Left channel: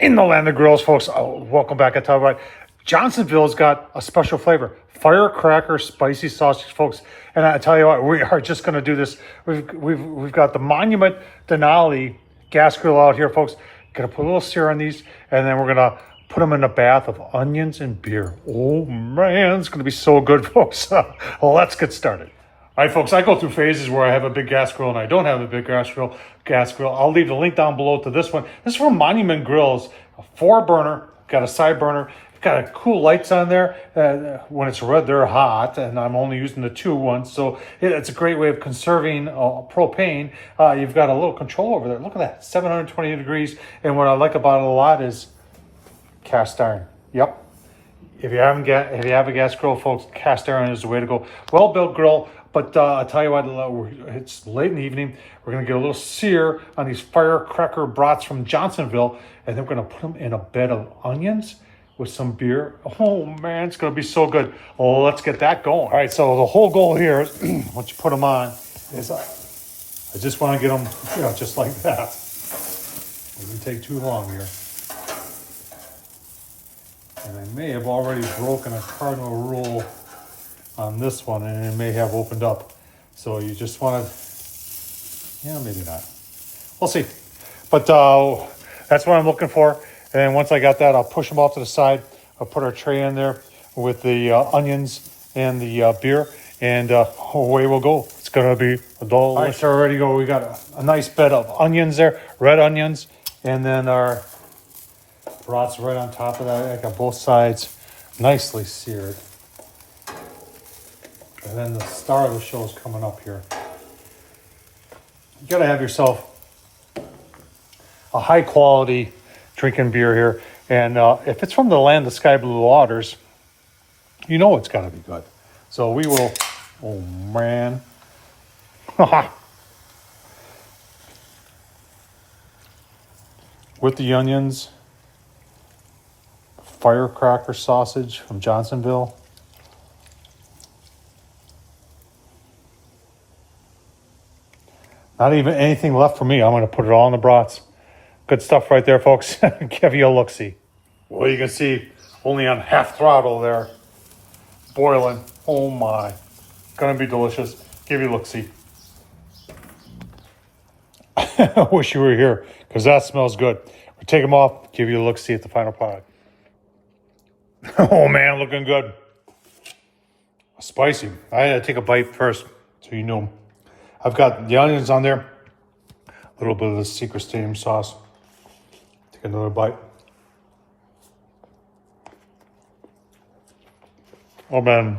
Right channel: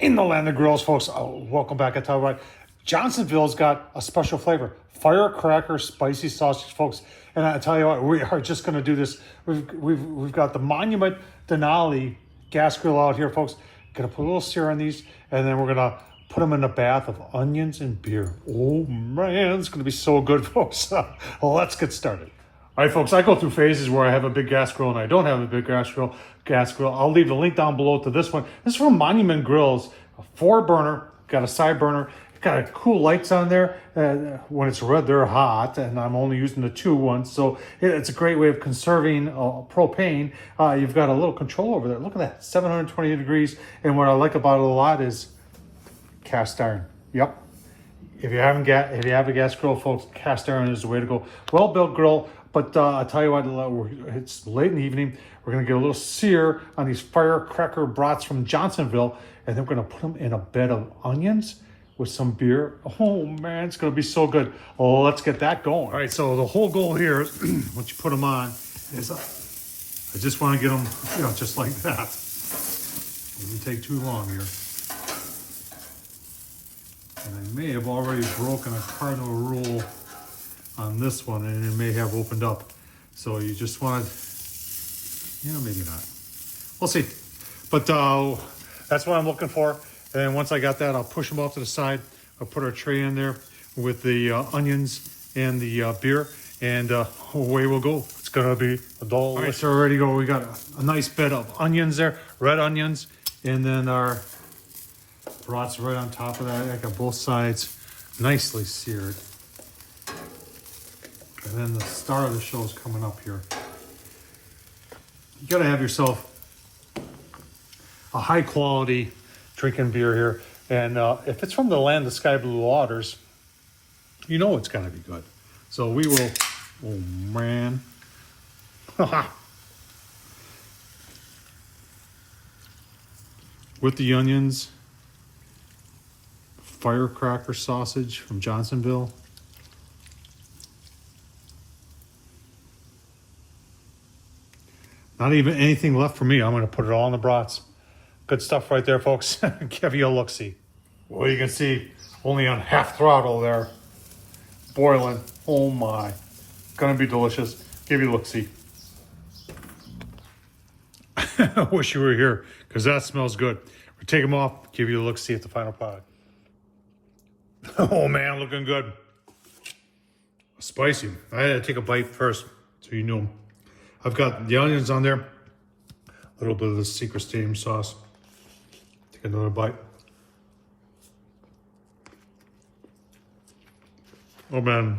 In the land of grills, folks, welcome back. I talk about Johnsonville's got a special flavor, firecracker spicy sausage, folks. And I tell you what, we are just going to do this. We've got the Monument Denali gas grill out here, folks. Gonna put a little sear on these, and then we're gonna put them in a bath of onions and beer. Oh man, it's gonna be so good, folks. Let's get started. All right, folks, I go through phases where I have a big gas grill and I don't have a big gas grill. I'll leave the link down below to this one. This is from Monument Grills, a 4-burner, got a side burner. It's got a cool lights on there. When it's red, they're hot, and I'm only using the 2 ones. So it's a great way of conserving propane. You've got a little control over there. Look at that, 720 degrees. And what I like about it a lot is cast iron. Yep. If you have a gas grill, folks, cast iron is the way to go. Well-built grill. But I'll tell you what, it's late in the evening. We're going to get a little sear on these firecracker brats from Johnsonville, and then we're going to put them in a bed of onions with some beer. Oh man, it's going to be so good. Oh, let's get that going. All right, so the whole goal here, once you put them on, is I just want to get them, just like that. It doesn't take too long here. And I may have already broken a cardinal rule on this one, and it may have opened up. So you just want to, maybe not. We'll see. But that's what I'm looking for. And then once I got that, I'll push them off to the side. I'll put our tray in there with the onions and the beer, and away we'll go. It's gonna be a dull. All right, so we're ready to go. We got a nice bed of onions there, red onions, and then our brats right on top of that. I got both sides nicely seared. And then the star of the show is coming up here. You gotta have yourself a high quality drinking beer here. And if it's from the land of sky blue waters, it's gotta be good. So we will, oh man. With the onions, firecracker sausage from Johnsonville. Not even anything left for me. I'm going to put it all in the brats. Good stuff right there, folks. Give you a look-see. Well, you can see only on half throttle there. Boiling. Oh my. Going to be delicious. Give you a look-see. I wish you were here because that smells good. We'll take them off. Give you a look-see at the final product. Oh man, looking good. Spicy. I had to take a bite first so you know. I've got the onions on there, a little bit of the secret steam sauce. Take another bite. Oh man,